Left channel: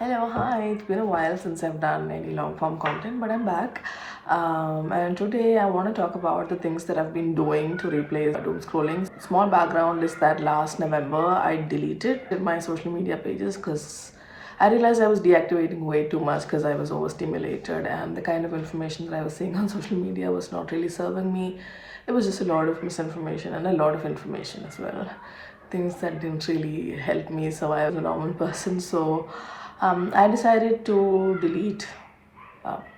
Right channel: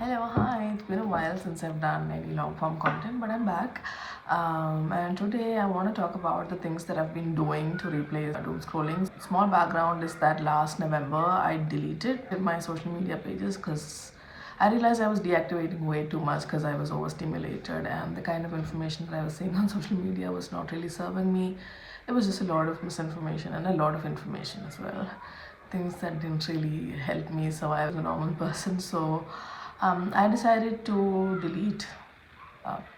Hello, hi. It's been a while since I've done any long form content, but I'm back. And today I want to talk about the things that I've been doing to replace doom scrolling. Small background is that last November I deleted my social media pages because I realized I was deactivating way too much because I was overstimulated, and the kind of information that I was seeing on social media was not really serving me. It was just a lot of misinformation and a lot of information as well. Things that didn't really help me survive as a normal person. So I decided to delete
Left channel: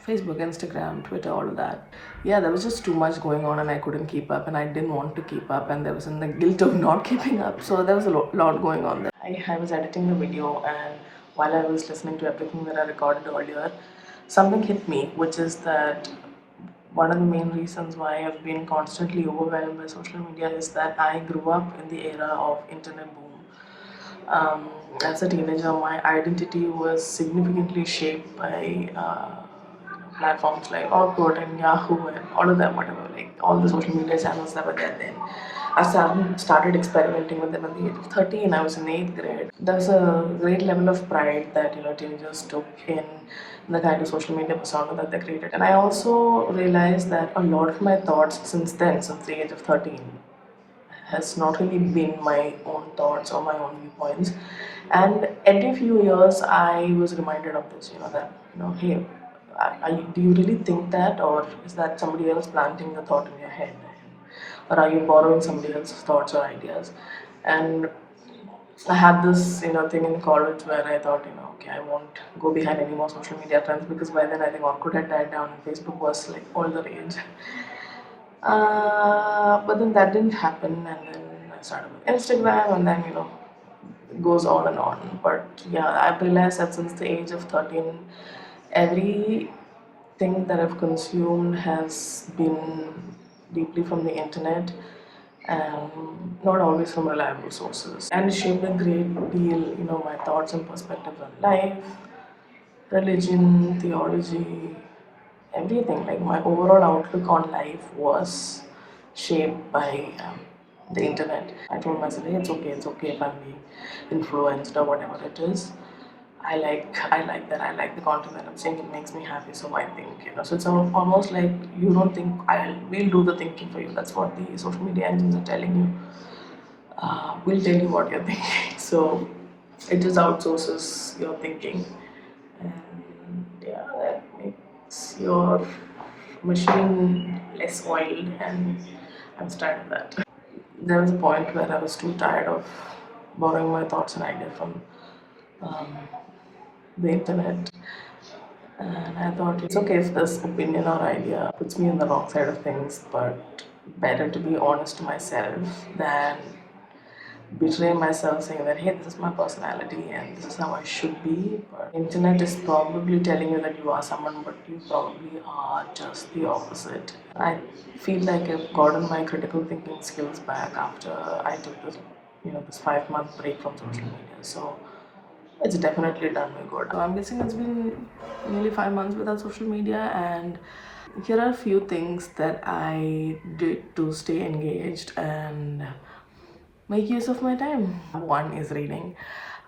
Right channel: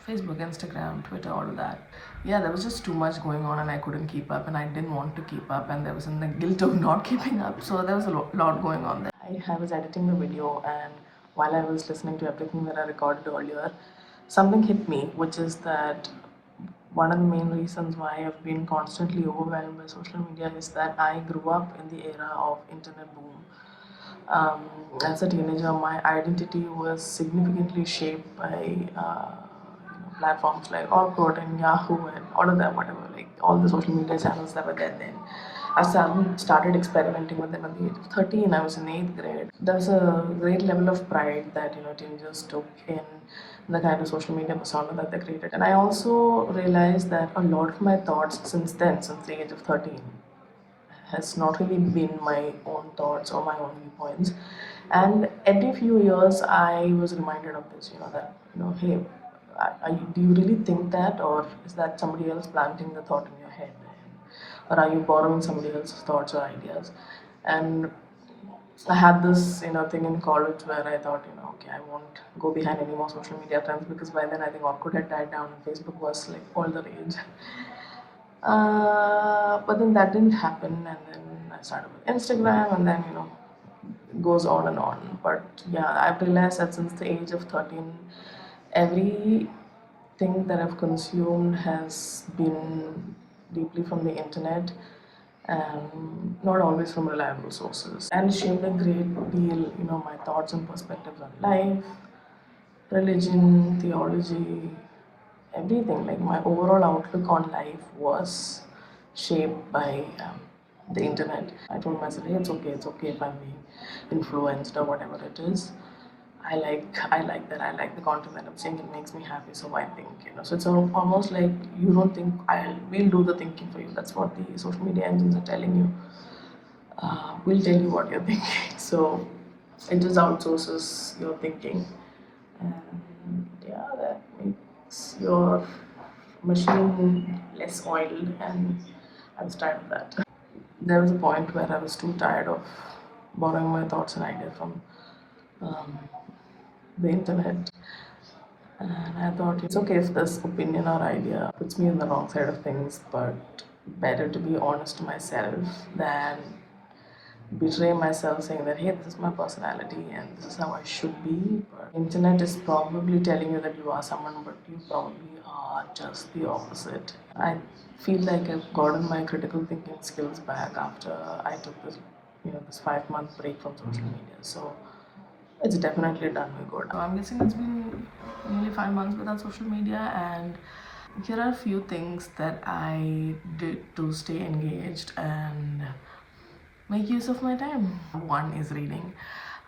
Facebook, Instagram, Twitter, all of that. Yeah, there was just too much going on and I couldn't keep up and I didn't want to keep up and there was in the guilt of not keeping up. So there was a lot going on there. I was editing the video and while I was listening to everything that I recorded earlier, something hit me, which is that one of the main reasons why I've been constantly overwhelmed by social media is that I grew up in the era of internet boom. As a teenager, my identity was significantly shaped by platforms like Orkut and Yahoo and all of them, whatever, like all the social media channels that were there then. I started experimenting with them at the age of 13. I was in 8th grade. There's a great level of pride that teenagers took in the kind of social media persona that they created. And I also realized that a lot of my thoughts since then, since the age of 13, has not really been my own thoughts or my own viewpoints. And every few years, I was reminded of this, that, hey, do you really think that, or is that somebody else planting the thought in your head? Or are you borrowing somebody else's thoughts or ideas? And I had this, thing in college where I thought, okay, I won't go behind any more social media trends because by then I think Orkut had died down and Facebook was like all the rage. But then that didn't happen, and then I started with Instagram, and then it goes on and on. But yeah, I've realized that since the age of 13, everything that I've consumed has been deeply from the internet, not always from reliable sources, and it shaped a great deal, my thoughts and perspectives on life, religion, theology, everything. Like my overall outlook on life was shaped by the internet. I told myself, hey, it's okay if I'm being influenced or whatever it is. I like that. I like the content that I'm seeing. It makes me happy. So I think, So it's almost like you don't think we'll do the thinking for you. That's what the social media engines are telling you. We'll tell you what you're thinking. So it just outsources your thinking, and yeah, that makes your machine less oiled. And I was tired of that. There was a point where I was too tired of borrowing my thoughts and ideas from um, the internet. And I thought it's okay if this opinion or idea puts me on the wrong side of things, but better to be honest to myself than betray myself saying that hey, this is my personality and this is how I should be. But internet is probably telling you that you are someone, but you probably are just the opposite. I feel like I've gotten my critical thinking skills back after I took this 5 month break from social media. So it's definitely done me good. I'm guessing it's been nearly 5 months without social media, and here are a few things that I did to stay engaged and make use of my time. One is reading.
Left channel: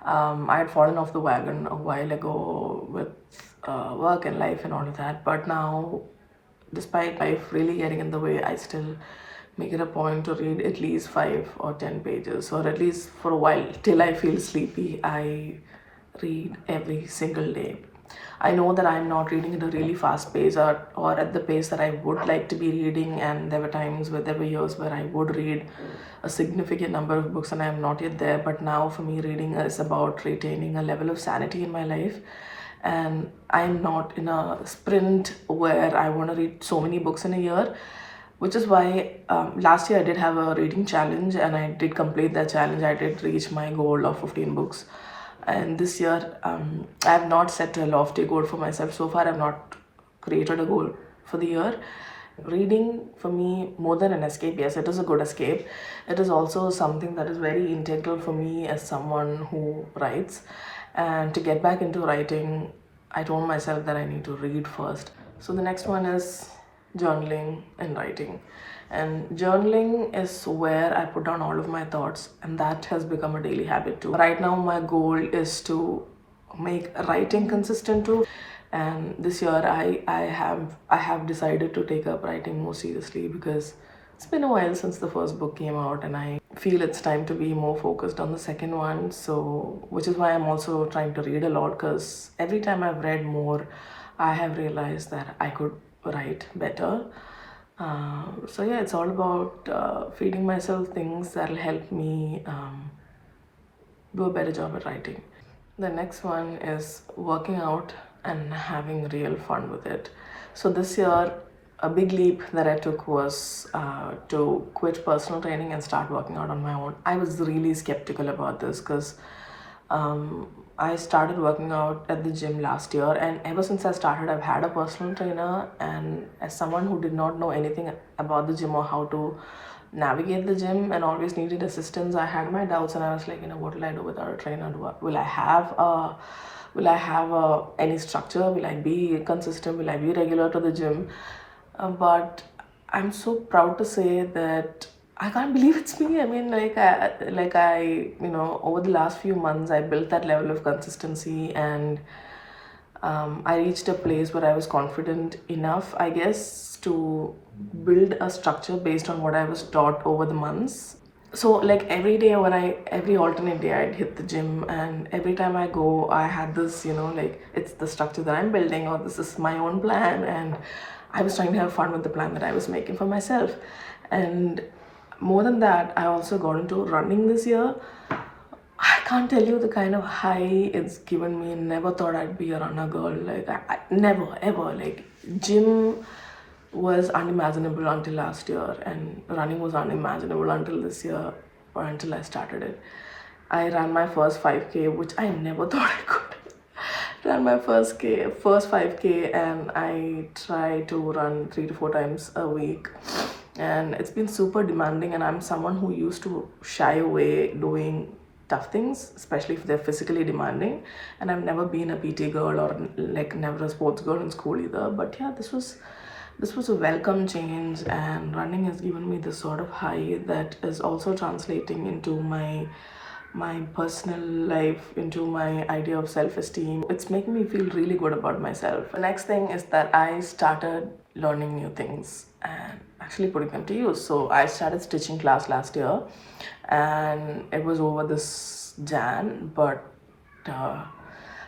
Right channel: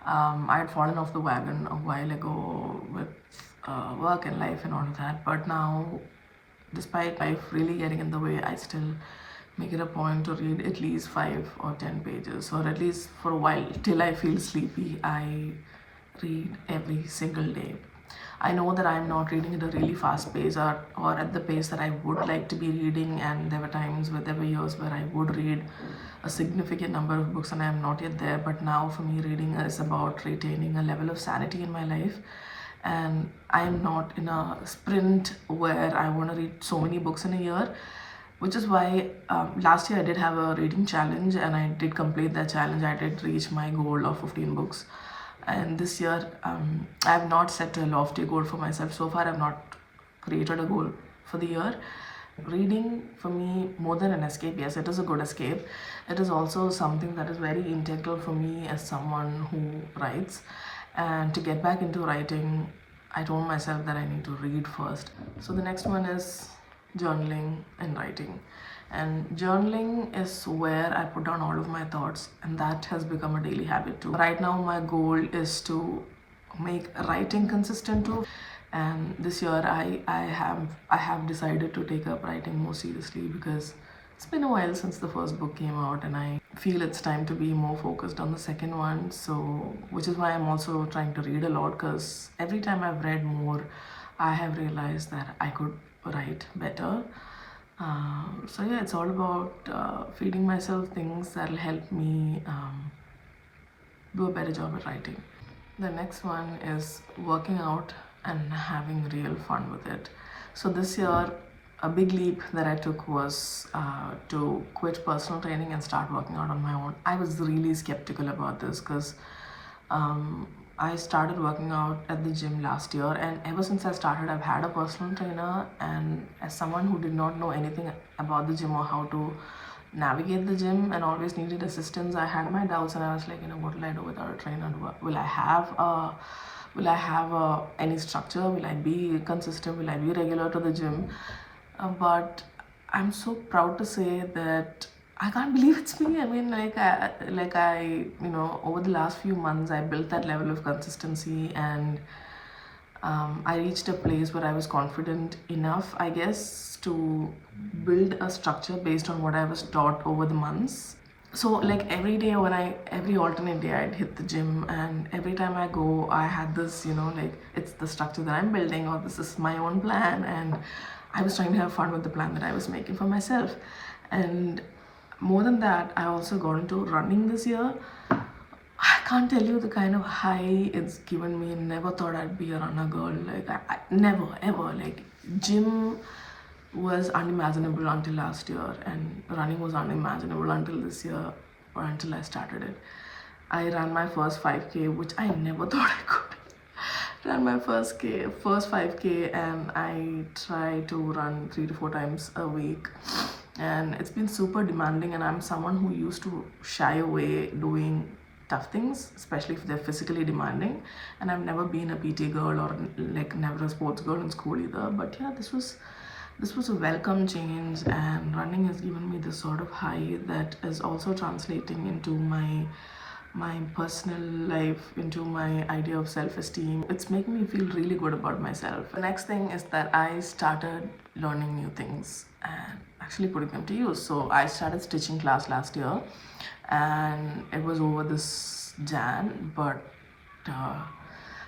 I had fallen off the wagon a while ago with work and life and all of that, but now, despite life really getting in the way, I still make it a point to read at least 5 or 10 pages, or at least for a while till I feel sleepy. I read every single day. I know that I'm not reading at a really fast pace, or at the pace that I would like to be reading, and there were years where I would read a significant number of books and I am not yet there. But now for me, reading is about retaining a level of sanity in my life, and I'm not in a sprint where I want to read so many books in a year, which is why last year I did have a reading challenge and I did complete that challenge. I did reach my goal of 15 books. And this year, I have not set a lofty goal for myself. So far, I've not created a goal for the year. Reading for me, more than an escape, yes, it is a good escape. It is also something that is very integral for me as someone who writes. And to get back into writing, I told myself that I need to read first. So the next one is journaling and writing. And journaling is where I put down all of my thoughts, and that has become a daily habit too. Right now, my goal is to make writing consistent too. And this year I have decided to take up writing more seriously, because it's been a while since the first book came out, and I feel it's time to be more focused on the second one. So which is why I'm also trying to read a lot, because every time I've read more, I have realized that I could write better. So yeah, it's all about feeding myself things that'll help me do a better job at writing. The next one is working out and having real fun with it. So this year, a big leap that I took was to quit personal training and start working out on my own. I was really skeptical about this, because I started working out at the gym last year, and ever since I started, I've had a personal trainer. And as someone who did not know anything about the gym or how to navigate the gym and always needed assistance, I had my doubts, and I was like, what will I do without a trainer? Will I have any structure? Will I be consistent? Will I be regular to the gym? But I'm so proud to say that I can't believe it's me. I mean, over the last few months, I built that level of consistency, and I reached a place where I was confident enough, I guess, to build a structure based on what I was taught over the months. So like every day, every alternate day, I'd hit the gym, and every time I go, I had this, like it's the structure that I'm building, or this is my own plan, and I was trying to have fun with the plan that I was making for myself. And more than that, I also got into running this year. I can't tell you the kind of high it's given me. Never thought I'd be a runner girl. Like I never ever, like, gym was unimaginable until last year, and running was unimaginable until this year, or until I started it. I ran my first 5K, which I never thought I could. Ran my first 5K, and I try to run 3 to 4 times a week. And it's been super demanding, and I'm someone who used to shy away doing tough things, especially if they're physically demanding. And I've never been a PT girl, or like never a sports girl in school either. But yeah, this was a welcome change, and running has given me this sort of high that is also translating into my personal life, into my idea of self-esteem. It's making me feel really good about myself. The next thing is that I started learning new things and actually putting them to use. So I started stitching class last year, and it was over this Jan, but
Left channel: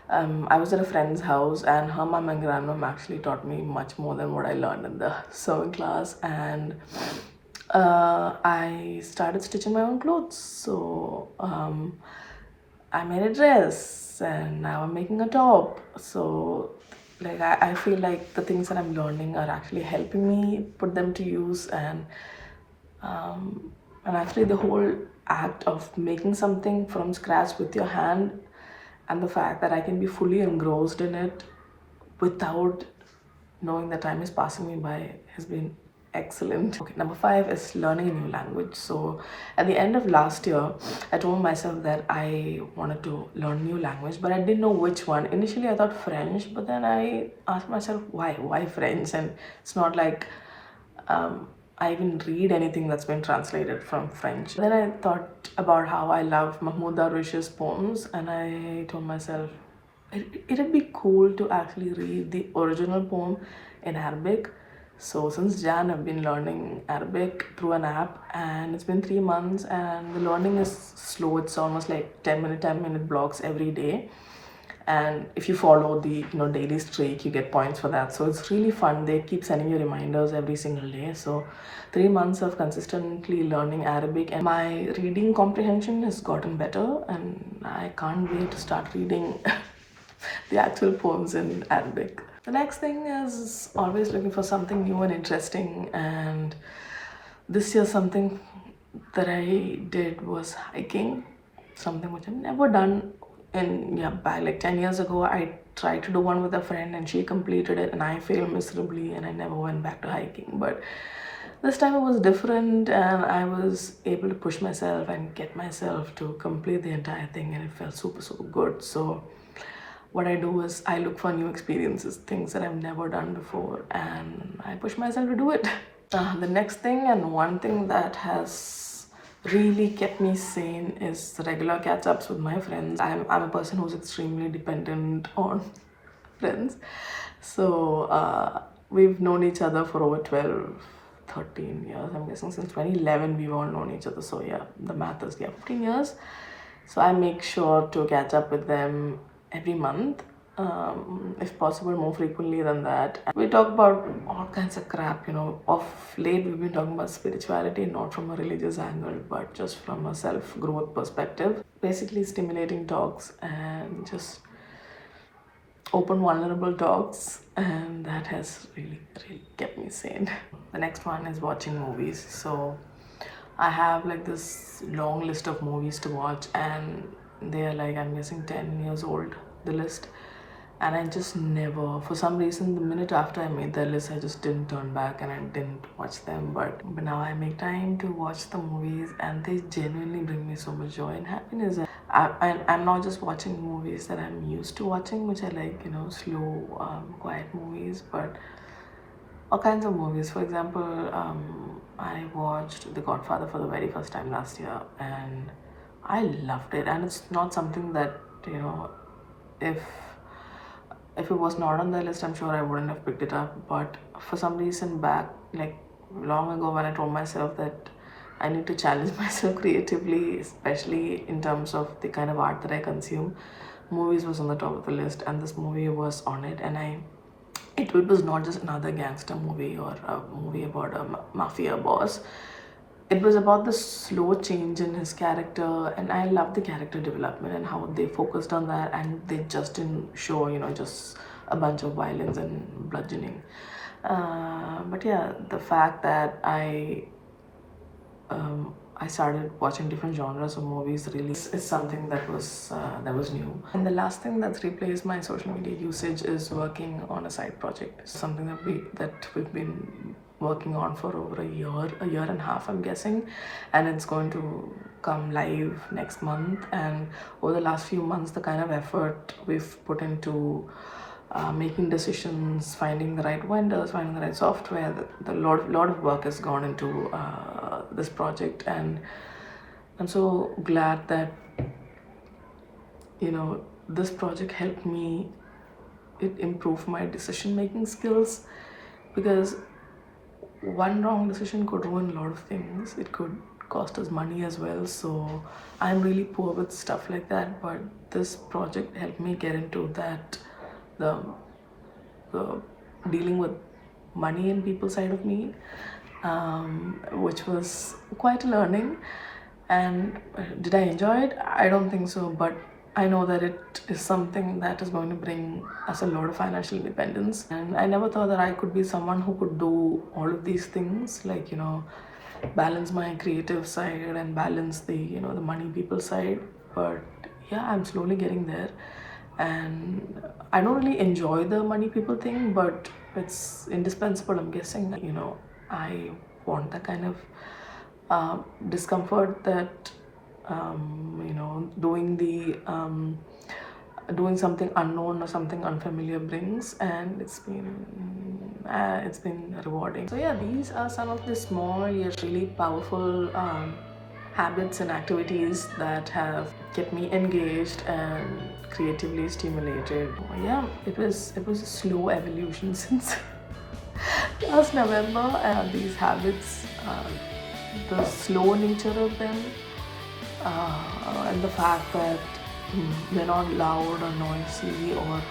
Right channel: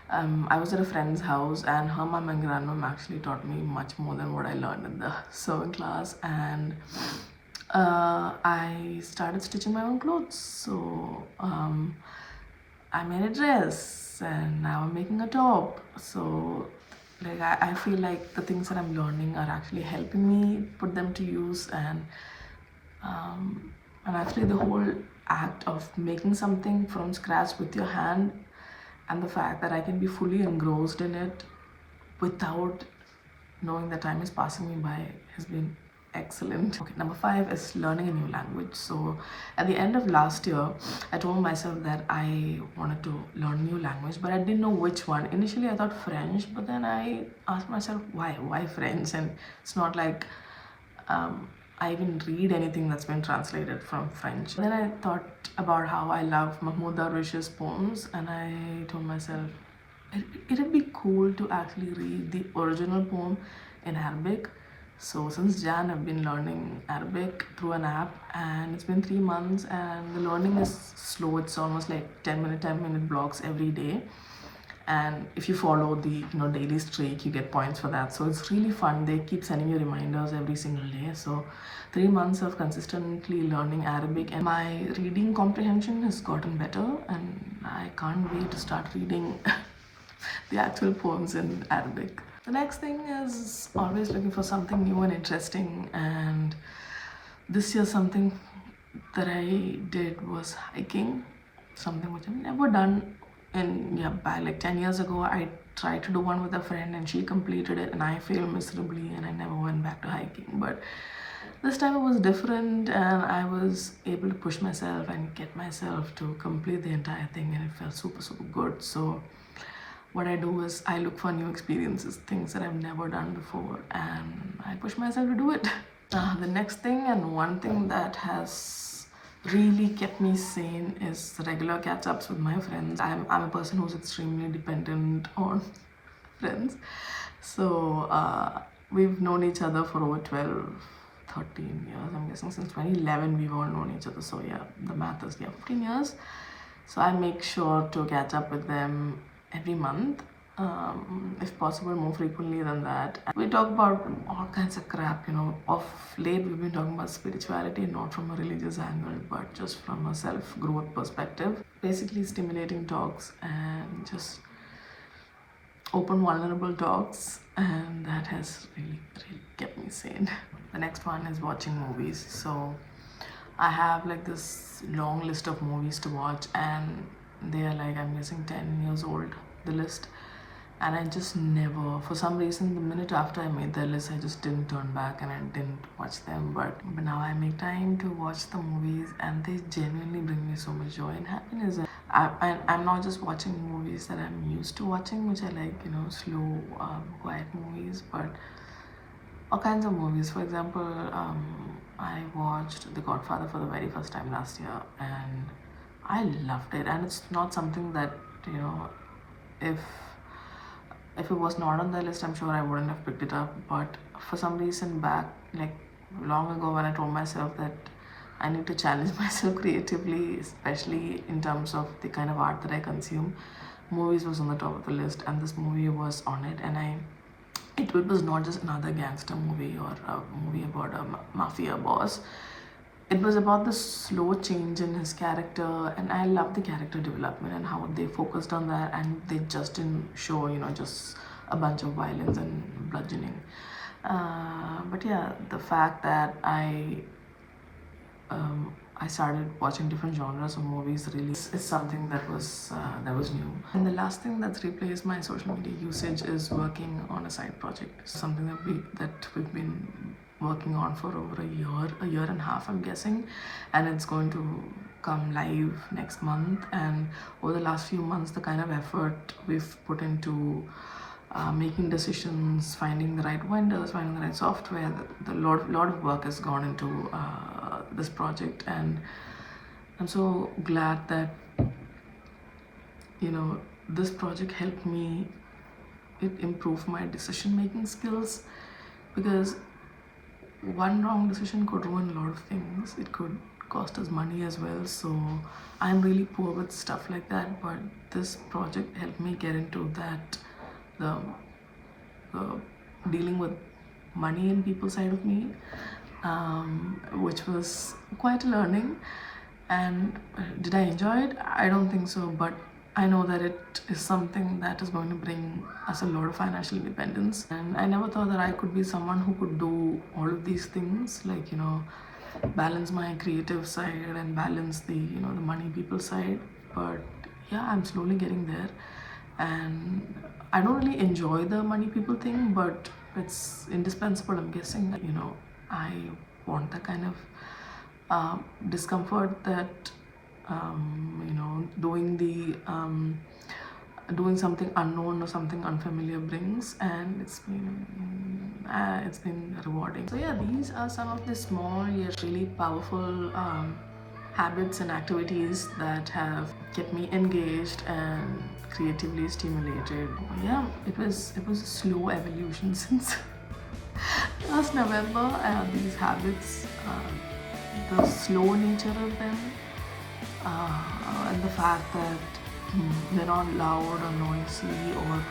I was at a friend's house, and her mom and grandmom actually taught me much more than what I learned in the sewing class. And I started stitching my own clothes. So I made a dress, and now I'm making a top. So like I feel like the things that I'm learning are actually helping me put them to use. And actually the whole act of making something from scratch with your hand, and the fact that I can be fully engrossed in it without knowing that time is passing me by has been excellent. Okay, number 5 is learning a new language. So at the end of last year, I told myself that I wanted to learn a new language, but I didn't know which one. Initially I thought French, but then I asked myself, why French? And it's not like I even read anything that's been translated from French. Then I thought about how I love Mahmoud Darwish's poems, and I told myself it'd be cool to actually read the original poem in Arabic. So since Jan, I've been learning Arabic through an app, and it's been 3 months, and the learning is slow. It's almost like 10-minute blocks every day. And if you follow the daily streak, you get points for that. So it's really fun. They keep sending you reminders every single day. So 3 months of consistently learning Arabic, and my reading comprehension has gotten better, and I can't wait to start reading the actual poems in Arabic. The next thing is always looking for something new and interesting. And this year, something that I did was hiking, something which I've never done. And yeah, back like 10 years ago, I tried to do one with a friend, and she completed it, and I failed miserably, and I never went back to hiking. But this time it was different, and I was able to push myself and get myself to complete the entire thing, and it felt super, super good. So what I do is I look for new experiences, things that I've never done before, and I push myself to do it. The next thing, and one thing that has really kept me sane is regular catch-ups with my friends. I'm a person who's extremely dependent on friends. So we've known each other for over 12, 13 years. I'm guessing since 2011 we've all known each other. So yeah, the math is, yeah, 15 years. So I make sure to catch up with them every month, if possible more frequently than that. We talk about all kinds of crap, you know. Of late we've been talking about spirituality, not from a religious angle but just from a self-growth perspective. Basically stimulating talks and just open vulnerable talks, and that has really kept me sane. The next one is watching movies. So I have like this long list of movies to watch, and they are like, I'm guessing 10 years old, the list. And I just never, for some reason, the minute after I made that list, I just didn't turn back and I didn't watch them. But now I make time to watch the movies, and they genuinely bring me so much joy and happiness. I'm not just watching movies that I'm used to watching, which I like, you know, slow, quiet movies, but all kinds of movies. For example, I watched The Godfather for the very first time last year, and I loved it. And it's not something that, you know, if it was not on the list, I'm sure I wouldn't have picked it up. But for some reason, back like long ago, when I told myself that I need to challenge myself creatively, especially in terms of the kind of art that I consume, movies was on the top of the list, and this movie was on it. And it was not just another gangster movie or a movie about a mafia boss. It was about the slow change in his character, and I love the character development and how they focused on that, and they just didn't show, you know, just a bunch of violence and bludgeoning. But yeah, the fact that I started watching different genres of movies really is something that was new. And the last thing that's replaced my social media usage is working on a side project. Something that we've been working on for over a year and a half, I'm guessing, and it's going to come live next month. And over the last few months, the kind of effort we've put into making decisions, finding the right vendors, finding the right software. The lot of work has gone into this project, and I'm so glad that, you know, this project helped me. It improved my decision making skills, because one wrong decision could ruin a lot of things. It could cost us money as well. So I'm really poor with stuff like that, but this project helped me get into that, the dealing with money and people side of me, which was quite a learning. And did I enjoy it? I don't think so, but I know that it is something that is going to bring us a lot of financial independence. And I never thought that I could be someone who could do all of these things, like, you know, balance my creative side and balance the, you know, the money people side. But yeah, I'm slowly getting there, and I don't really enjoy the money people thing, but it's indispensable, I'm guessing. You know, I want that kind of discomfort that, you know, doing something unknown or something unfamiliar brings, and it's been rewarding. So yeah, these are some of the small yet really powerful habits and activities that have kept me engaged and creatively stimulated. Yeah, it was a slow evolution since last November. These habits, the slow nature of them, and the fact that they're not loud or noisy or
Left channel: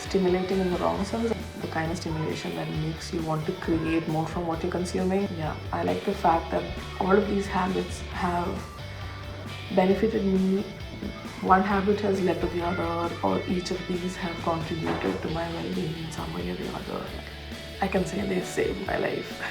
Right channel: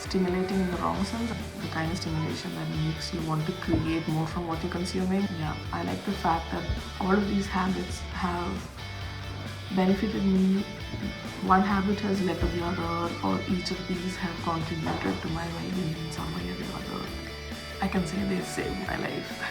stimulating in the wrong sense, the kind of stimulation that makes you want to create more from what you're consuming. Yeah, I like the fact that all of these habits have benefited me. One habit has led to the other, or each of these have contributed to my well-being in some way or the other. I can say they saved my life.